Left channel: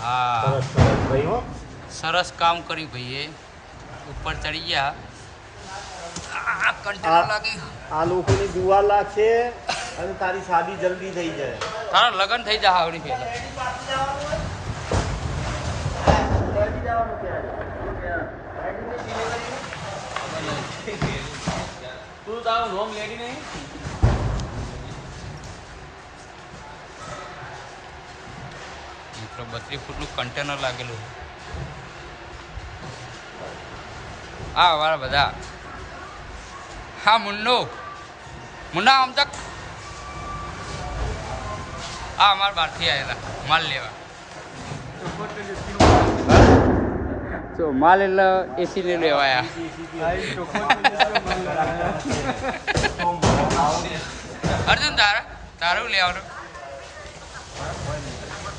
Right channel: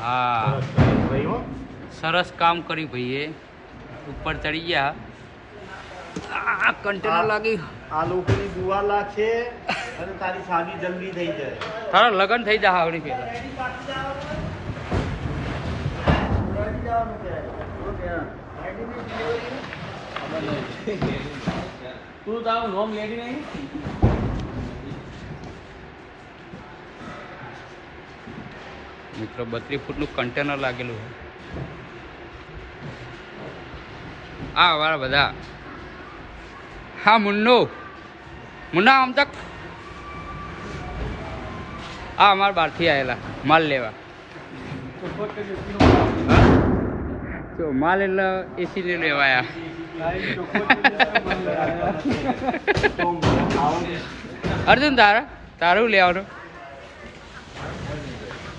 हाँ सरस काम करी भैया ऊपर चढ़ी गया कंटेनर लागी આ લોકોની દુઆ લાગશે અને તારી શાદી જલ્દી થઈ જાય. તારા લગન થઈ જા આવડી પેલા તું તારું નોમ લેડી નહીં મિત્રો 32 ફૂટનું કન્ટેનર લાગેલું છે આ વાળા બધા હા મુન્ના આમ તક આ અમારા બહારથી આવેલા માલ લેવા તો માલ એટલે એસી ને લેવાયા અર્જુન તારું લેવાનું